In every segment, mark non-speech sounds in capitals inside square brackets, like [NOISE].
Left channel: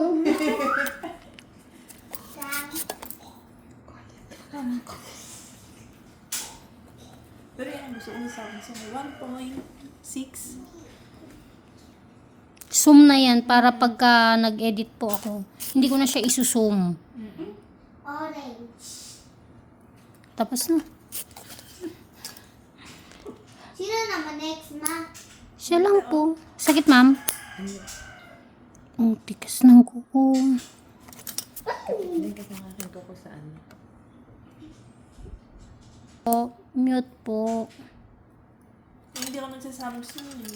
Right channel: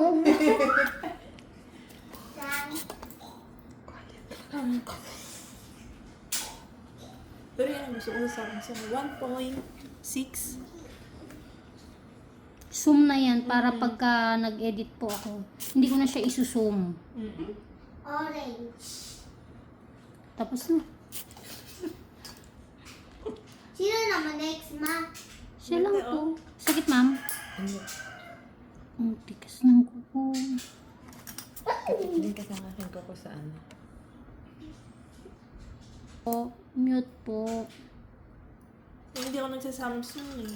Pero yan, sa sa 1.6. Zoom na yan para pagka nag-edit po ako, hindi ko na siya isusum. Orange. Tapos na. Sino naman next, ma? Siya lang po. Sakit, ma'am? Ang tikas ng kuko. Hindi ka sa akin ko sa ano. Po, mute po. Hindi ako nagsa-Samsung eh.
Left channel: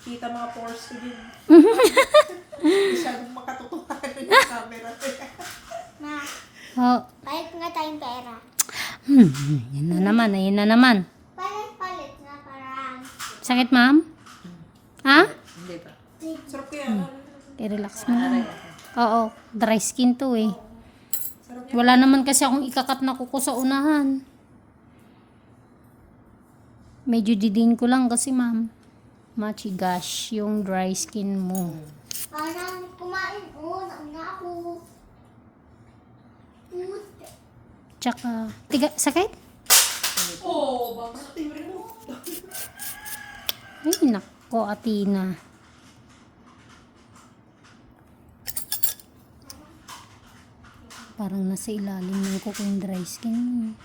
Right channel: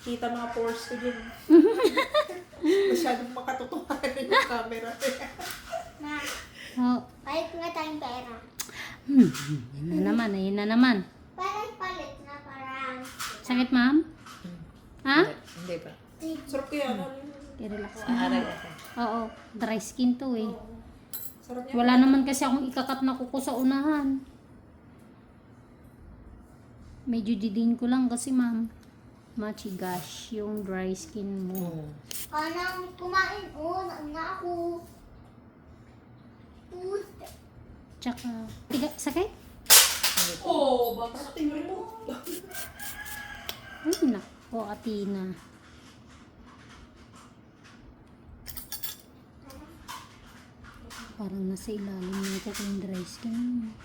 Kita mga pores ko dyan. [LAUGHS] Masyadong makatotohanan yung camera. Ma, Oh, palit nga tayong pera. hmm, yan na naman, ayun na naman. Palit-palit nga para Sakit, ma'am? Ha? Hindi pa. Sarap kaya. ano, I-relax mo ako. Oo, dry skin to eh. Wala naman kasi akong ikakat na kuko sa unahan. Medyo didin ko lang kasi ma'am. Machigash yung dry skin mo. Paano kumain? Oo, nauna ako. Tsaka, tiga, sakit? Oh, tingin mo. Ay, nako, Atina. Parang nasa ilalim ng kuko yung dry skin mo.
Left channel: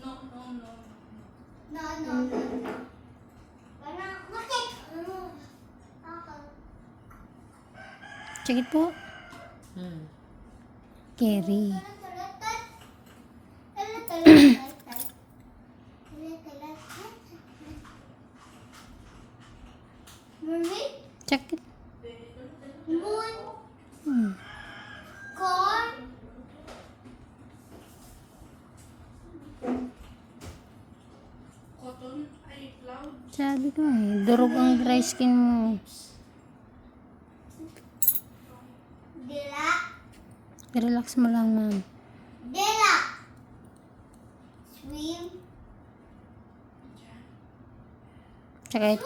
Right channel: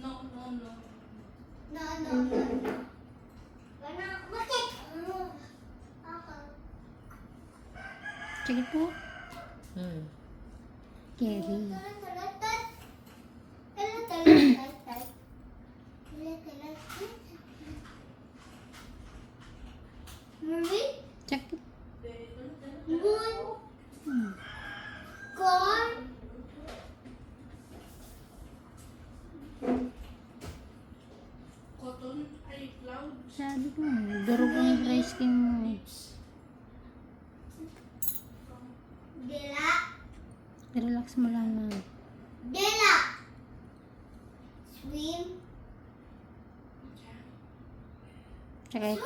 No, no, no, no. Wala, bakit? Ano? Ako. Sakit po? Hmm. Kerry. Marie? Sakit. Moon? Hmm. Corn? Cotton, ay cloud. Sabi ko eh, durog ang dry skin mo. Dila? Relax mo lang, ma'am. Sakit.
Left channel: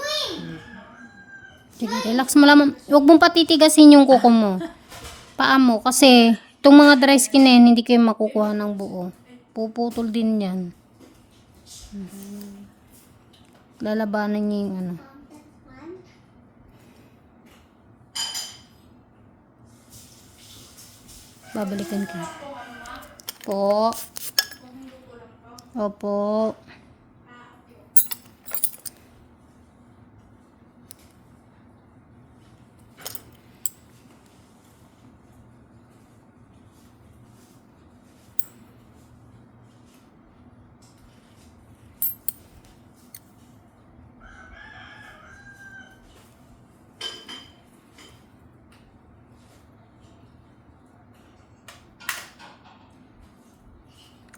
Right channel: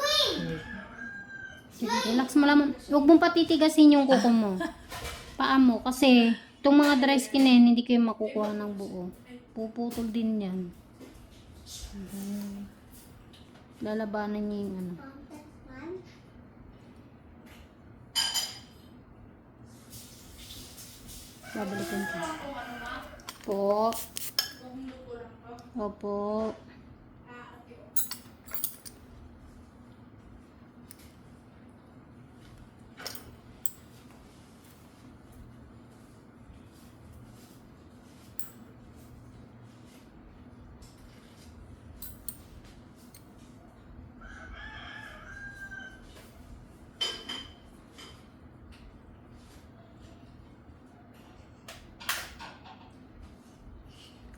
Sige, relax mo lang. Huwag mong patitigasin yung kuko mo. [LAUGHS] Paa mo. Kasi, itong mga dry skin na yan, hindi kayo makukuha ng buo. Puputol din yan. Mhm. Lalabanan niya yung ano. Babalikan ka. Po. Opo.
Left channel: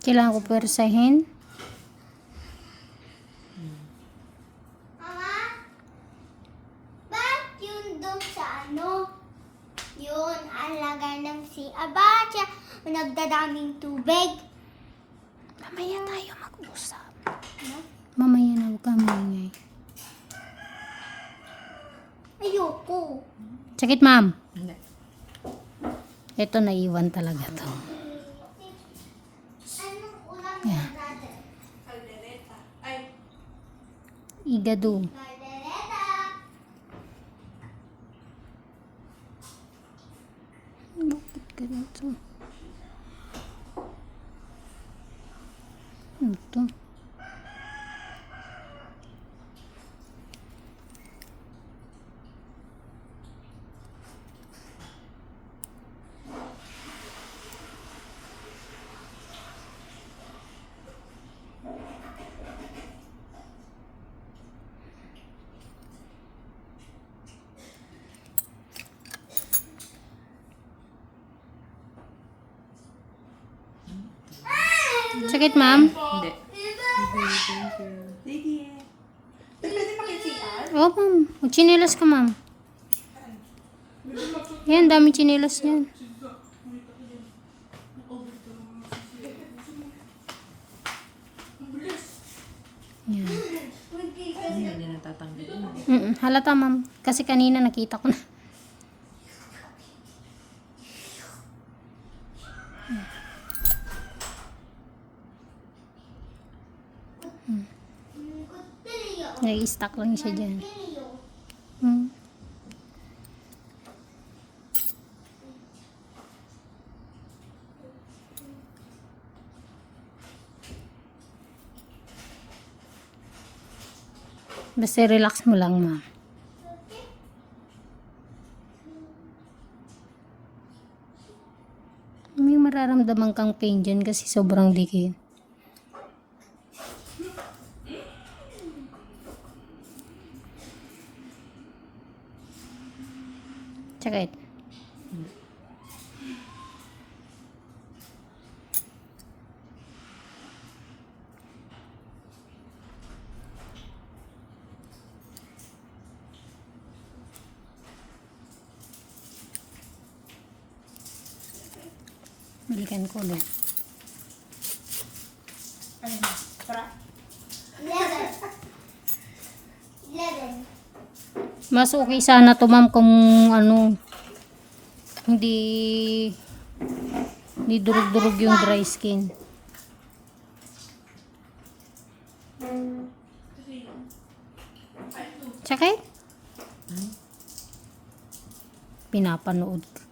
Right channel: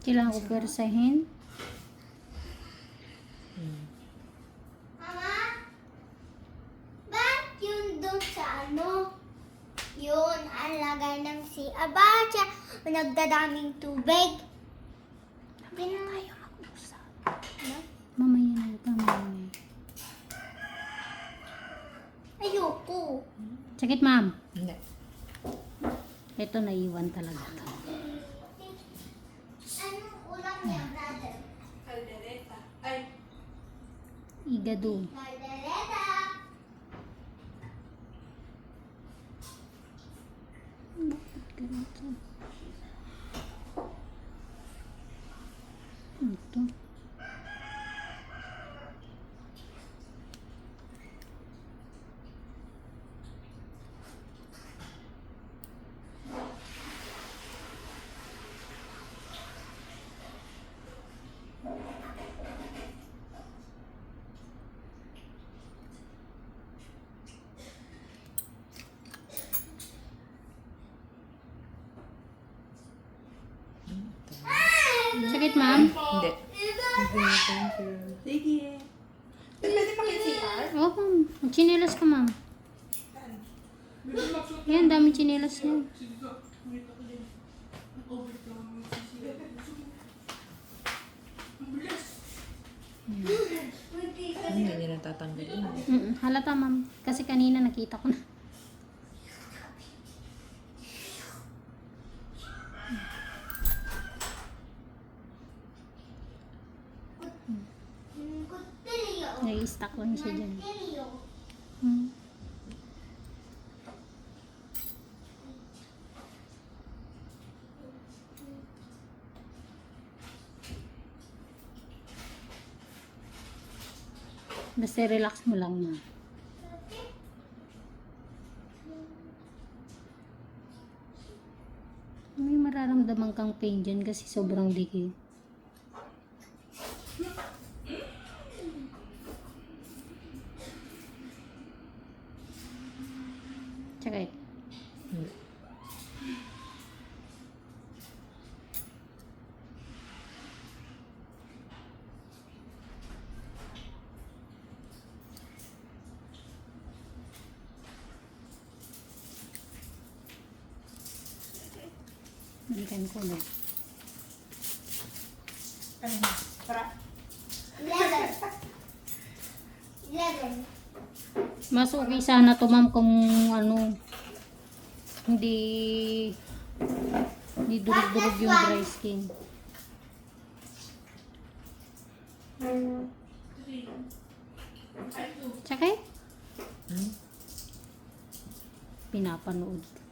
Kailangan ko persahin. Mama? Ba't yun doon sa ano? Yun, ang lagay ng si Abacha. Nagdadaming tubig. Mamaya tayo mag-usap. Ano? Mamaya na kang maingay. Ayoko. Sakit, ma'am. Hindi. Ito, naiwan talaga to. గదు Thank you. Sakit, ma'am? Hindi. lady. Pwede pa kay CR? Oo, ma'am. Magchinelas ka, ma'am. Yan, dami chinelas yan. Yan. Hindi niya natatanggal. Halata ma'am. Kasi kanina nakita ko na. Nag-stuck lang siya dyan. Hmm. Basta relax mo lang, ma. May mararamdaman kang pain dyan kasi sobrang dikit. Tsaka ito. Balikan ko ulit. Ano na? Tara. Eleven. Eleven. Mas okay sana to ma'am kung ano hindi hindi durug-durug yung dry skin. Tsaka eh, pinapanood. ko.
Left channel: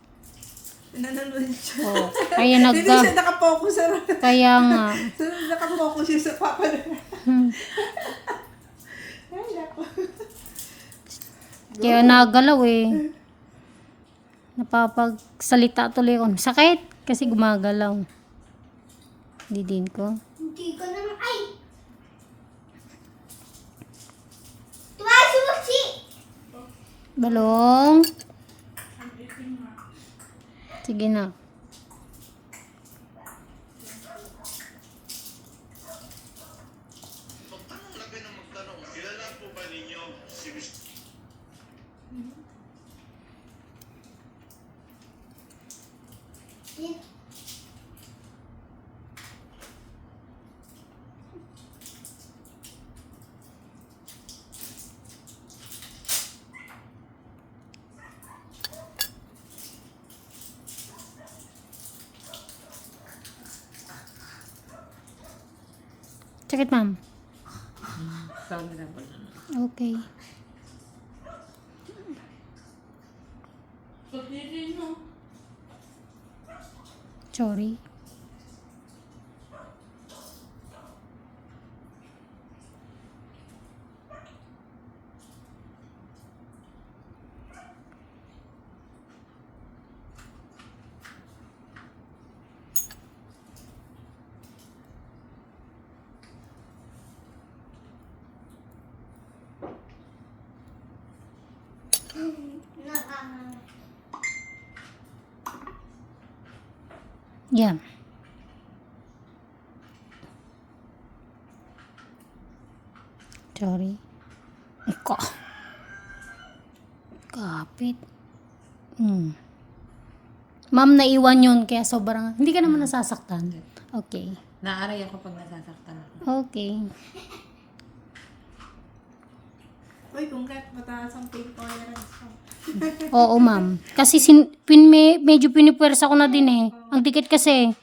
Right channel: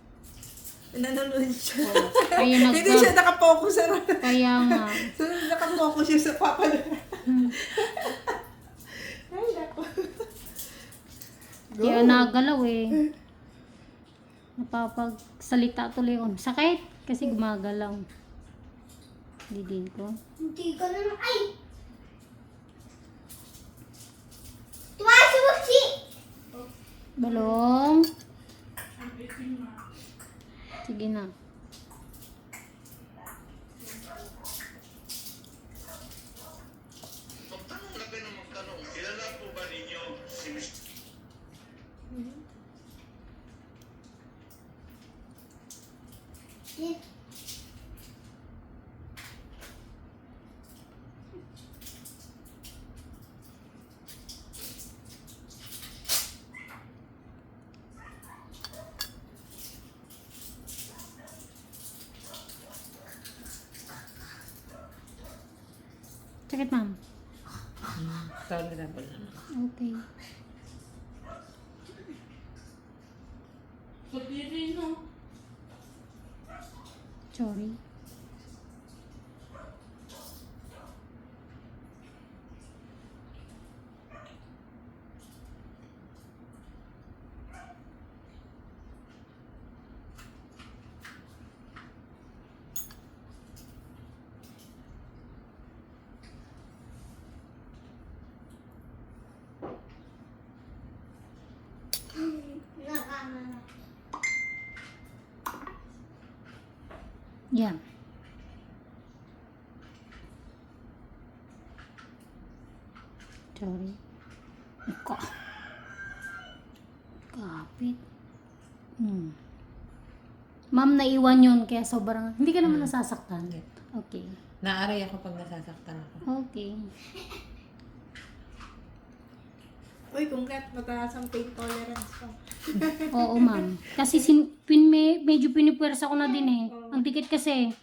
Nanonood siya. Oh, kaya [LAUGHS] Hindi nagka siya nakafocus sa kaya nga [LAUGHS] nakafocus siya sa papa na. [LAUGHS] hmm, Ay, nako. kaya nagalaw eh. Napapagsalita tuloy ako. Sakit kasi gumagalaw. Hindi din ko. Hindi ko naman. Ay! Balong. Sige na. Sakit ma'am. Tolerable naman. Okay. Sorry. Nakaka- Yan. Sorry. Ika. Kapit. Hmm. Ma'am, naiwan yun, kaya sobrang... Hindi ka naman nasasaktan. Okay. Naaray ako pag nasasaktan ako. Okay. Uy, kung kat mataas ang pain tolerance ko. [LAUGHS] Oo, ma'am. Kasi sin, pin, me, medyo pinipwersa ko na din eh. Ang dikit kasi.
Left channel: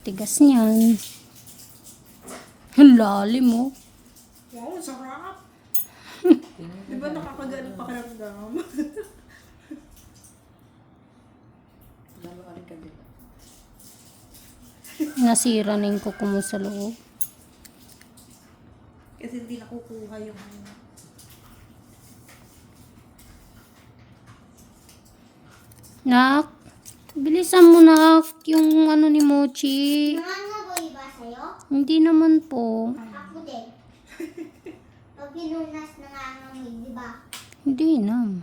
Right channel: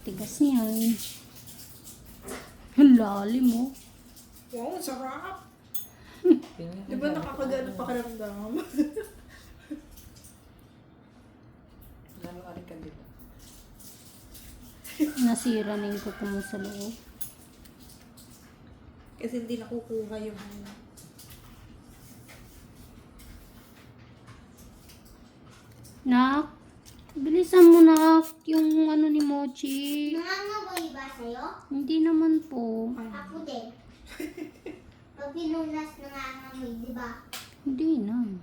Tigas niyan. Ang lalim mo. Wow, ang sarap. [LAUGHS] Di ba nakakagano pakiramdam? [LAUGHS] Lalo aray ka dito. Nasira na yung kuko mo sa loob. Kasi hindi nakukuha yung ano. Nak, bilisan mo nak yung ano ni Mochi. Nangangaboy ba sa'yo? Hindi naman po. Ako din. [LAUGHS] Pag pinunas nangangamoy, di ba? Hindi na.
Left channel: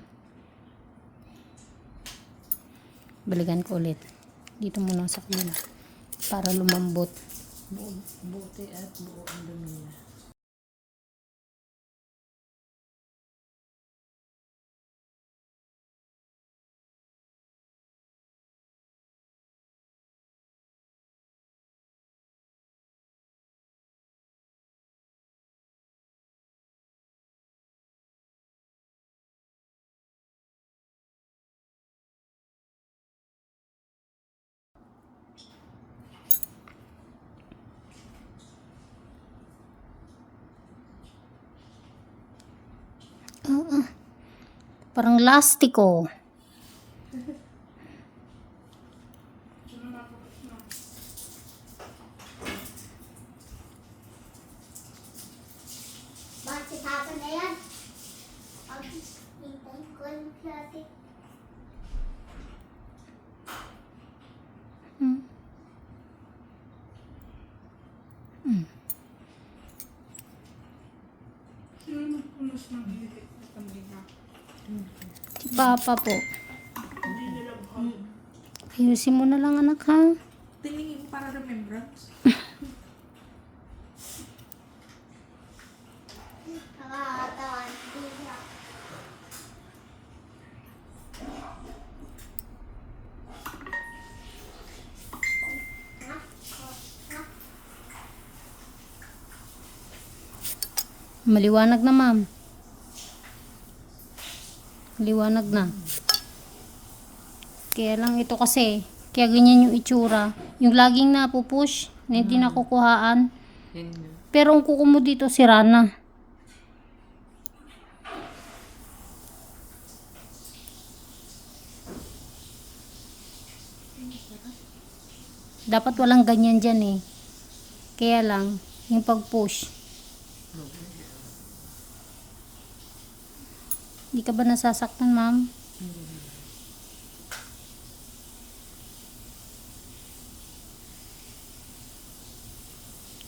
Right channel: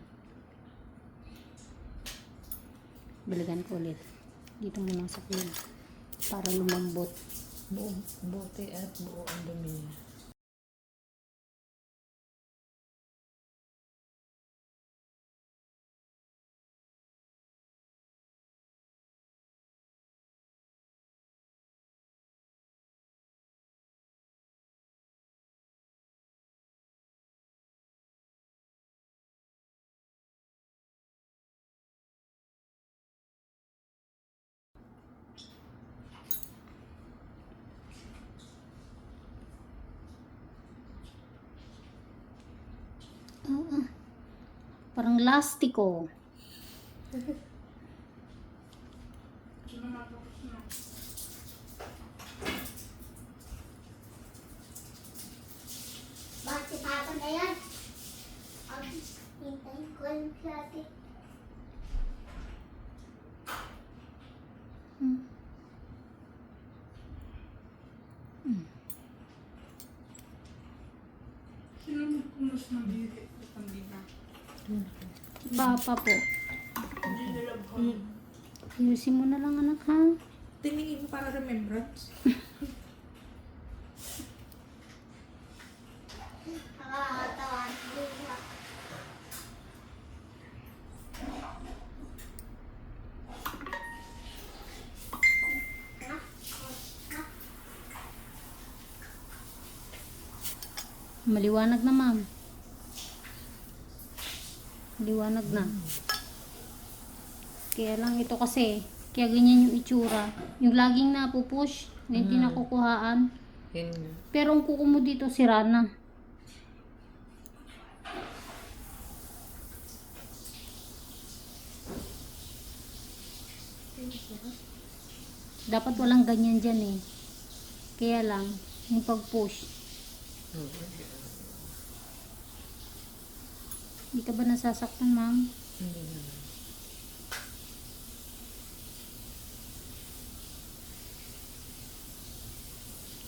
Balikan ko ulit. Dito muna sa kanila. Para lumambot. Buo, buti at buo ang dumi niya. Parang lastiko. Bakit si Papa na yan? Ang hintayin ko lang si ate. Hmm. Sino nagpunas ng diri at ang bina? Si Papa po. Ayusin mo na lang anak ha. Tiningin mo para remembrance. Maliwanag na ma'am. Maliwanag na. Kaya lang ito kasi, kaya ganyan yung itsura. Yung laging napupush, na hindi nakukuhaan. Yun. Pero ang kuko mo dito, sira na. Dapat walang ganyan dyan eh. Kaya lang, yung pag-push. Hindi ka ba nasasaktan, ma'am?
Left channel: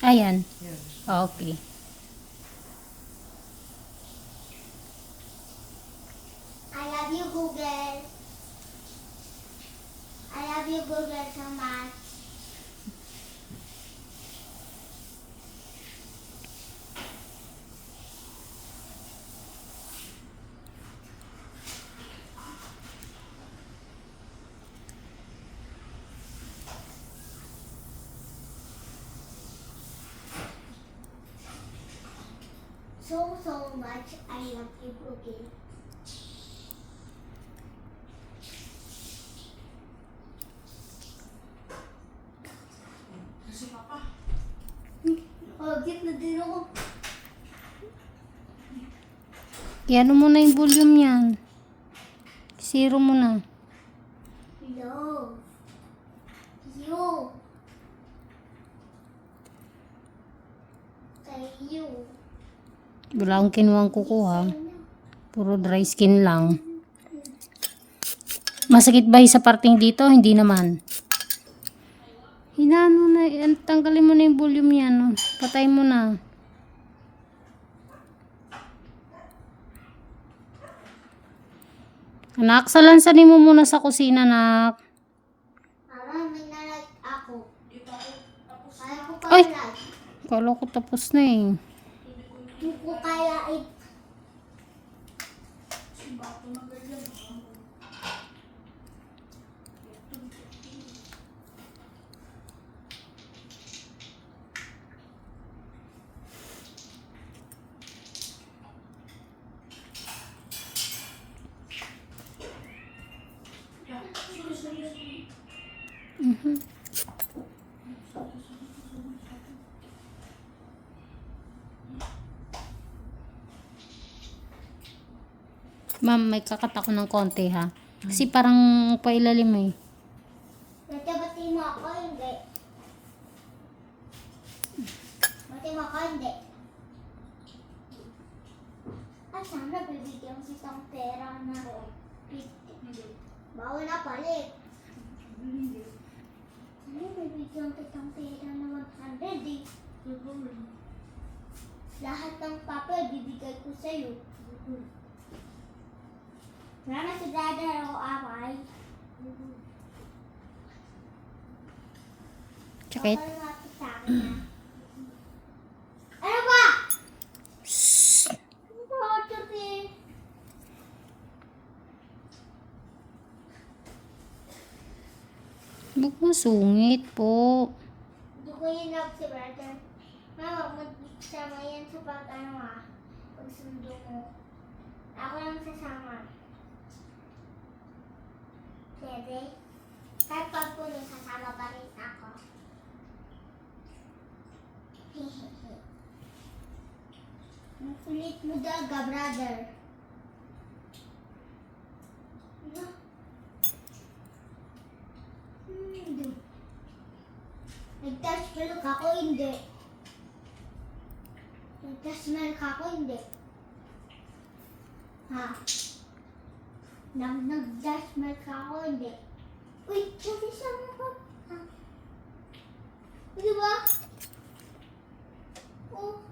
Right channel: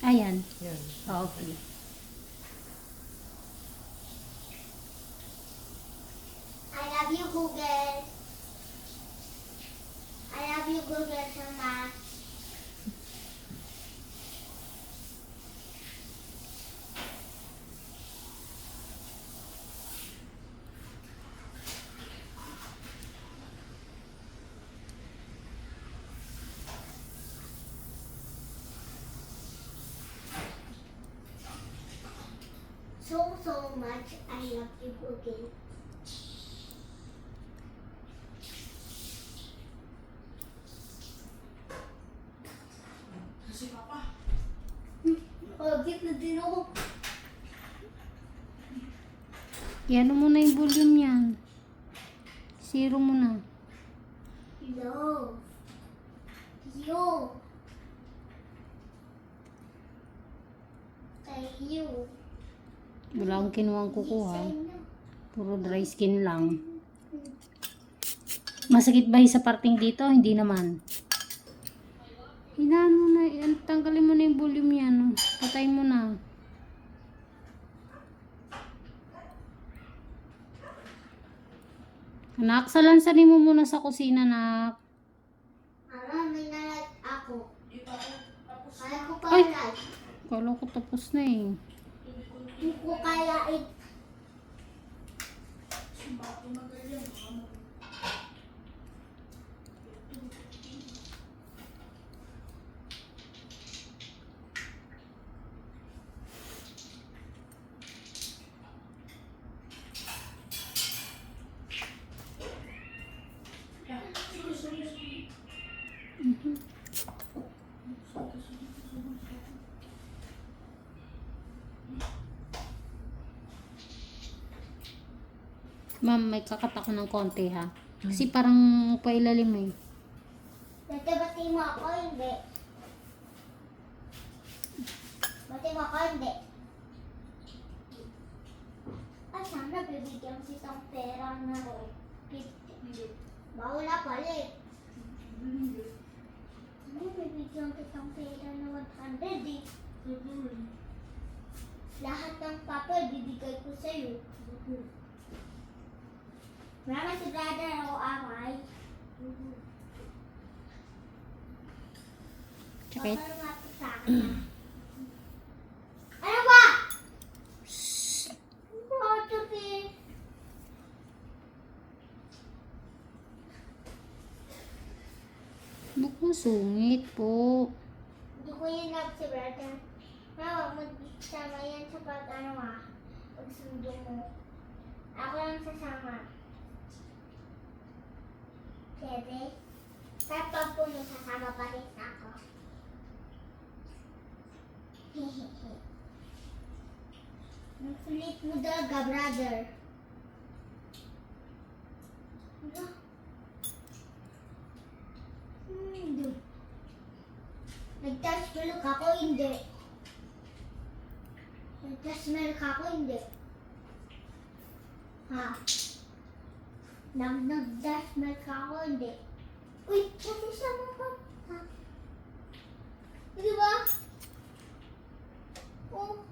Ayan. Yun. Okay. I love you, Google. So, so much. I love you, Google. Kasi papa. Object na din ako. Iano mo na yung volume yan. Zero mo na. Love. You. Kay you. Wala akong kinuha kukuha. Puro dry skin lang. Masakit ba yung sa parting dito? Hindi naman. Hinano na, yan, tanggalin mo na yung volume yan. oh. Patay mo na. Anak, salansanin mo muna sa kusina, anak. Mama, may nalag ako. Ay! Kala ko tapos na eh. Hindi ko kaya it. Ma'am, may kakat ako ng konti ha. Kasi parang pailalim eh. Bati-bati mo ako, hindi. Bati mo ako, hindi. Ay, sana bibigyan kitang pera na 50. Bawal na palit. Ano bibigyan kitang pera na 100 eh. Lahat ng papel bibigay ko sa'yo. Wala na si brother o away. Tsaka it- Papal nga to sa akin, ah. Ano ba? Ano? Huwag mo sungit po. Hindi ko yun love si brother. Mama, magsama yan sa pag ano ah. Pagsundo mo. Ako lang sasama. Bebe. Kahit pag po yung sasama pa rin ako. [LAUGHS] Ang kulit mo daga, brother. Hindi. Nag-touch milk ako, hindi. Nag-touch milk ako, hindi. Ha? nang nag-judgment ka ako. Uy, kasi siya mo pa. Di ba? Oh.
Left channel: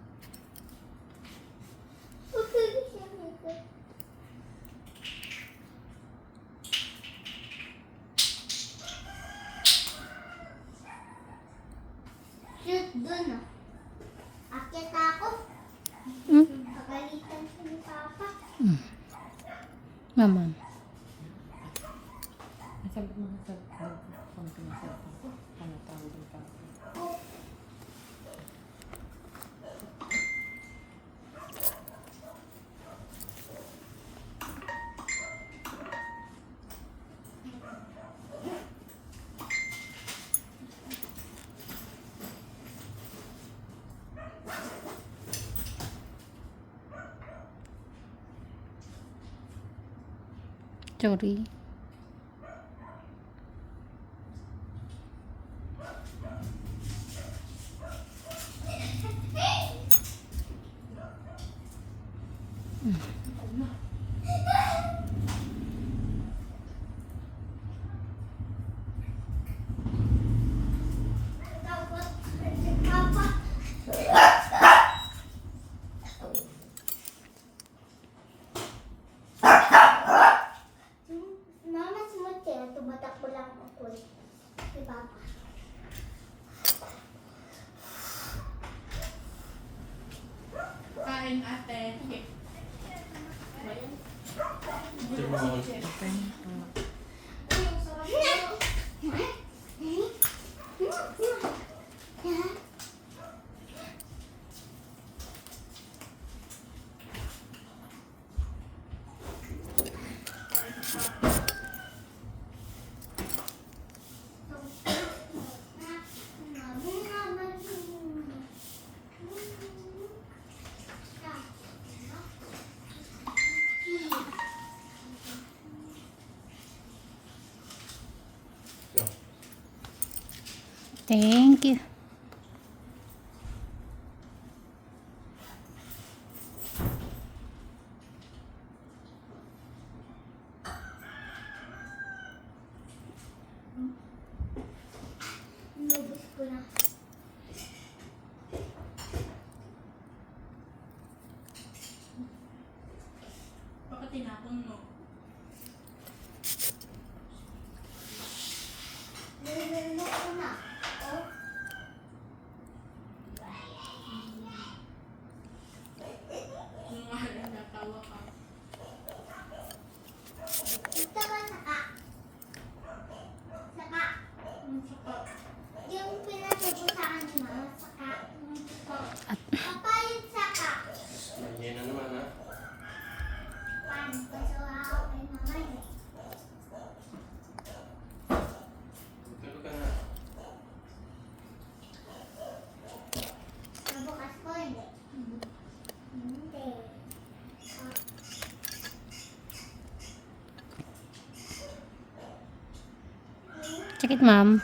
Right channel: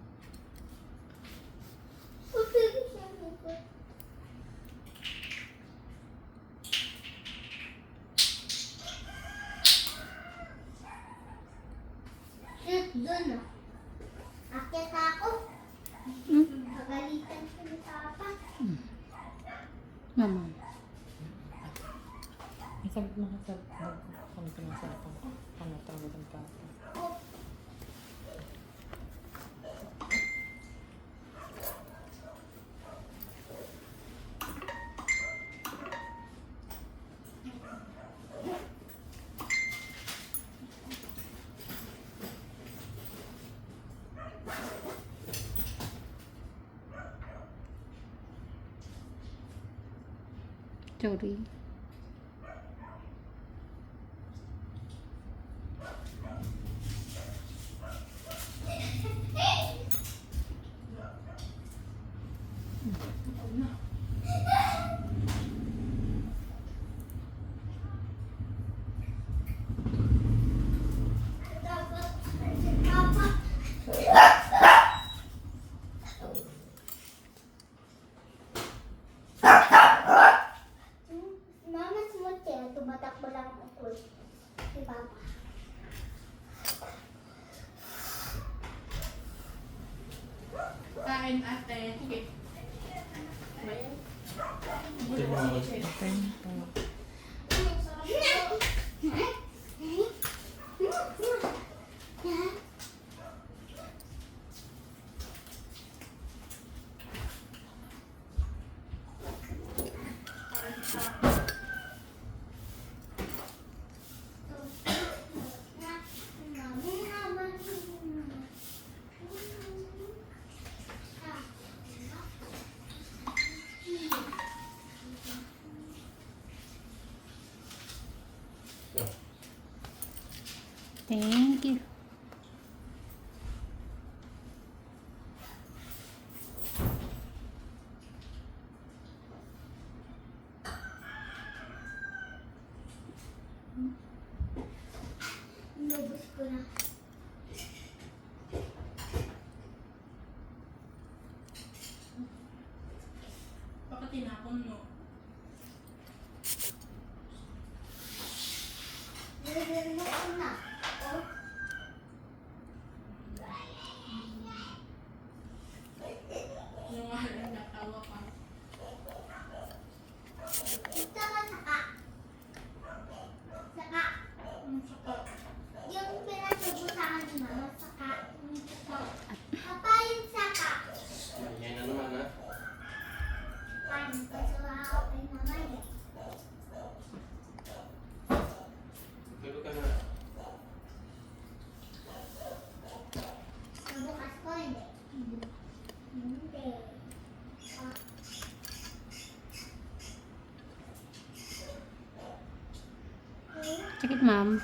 Sorry. 음. Sakit, ma'am.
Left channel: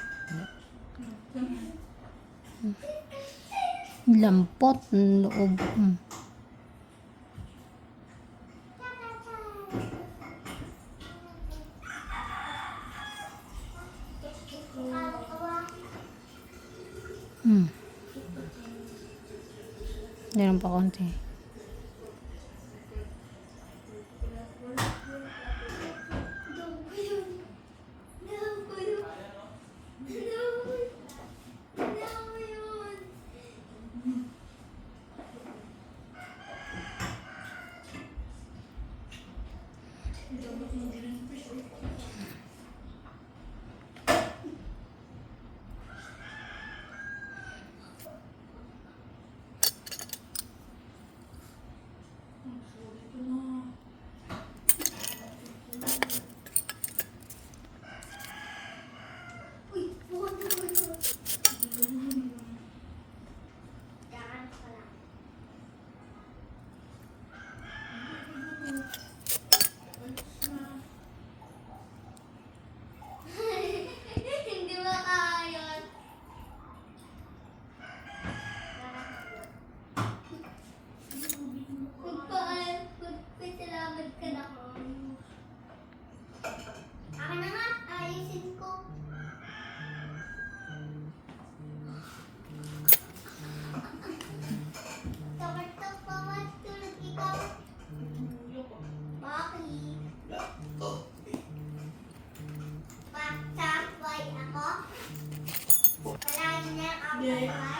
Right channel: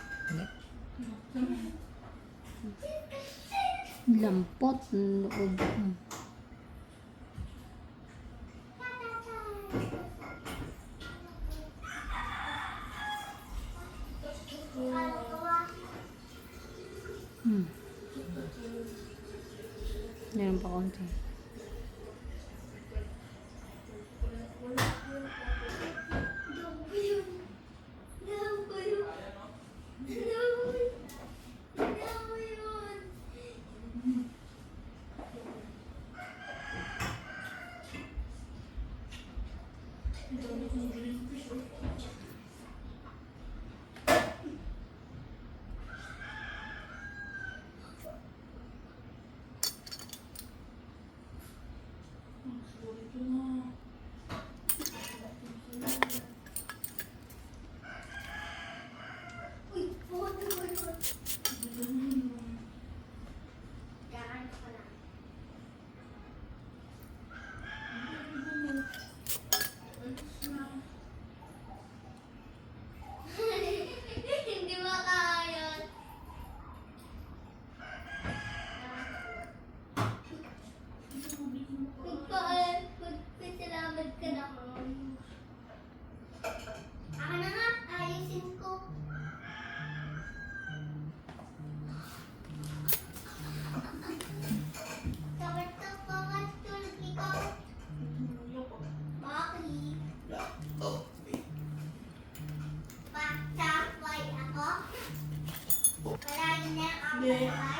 Lampot loob. Hmm. Amen.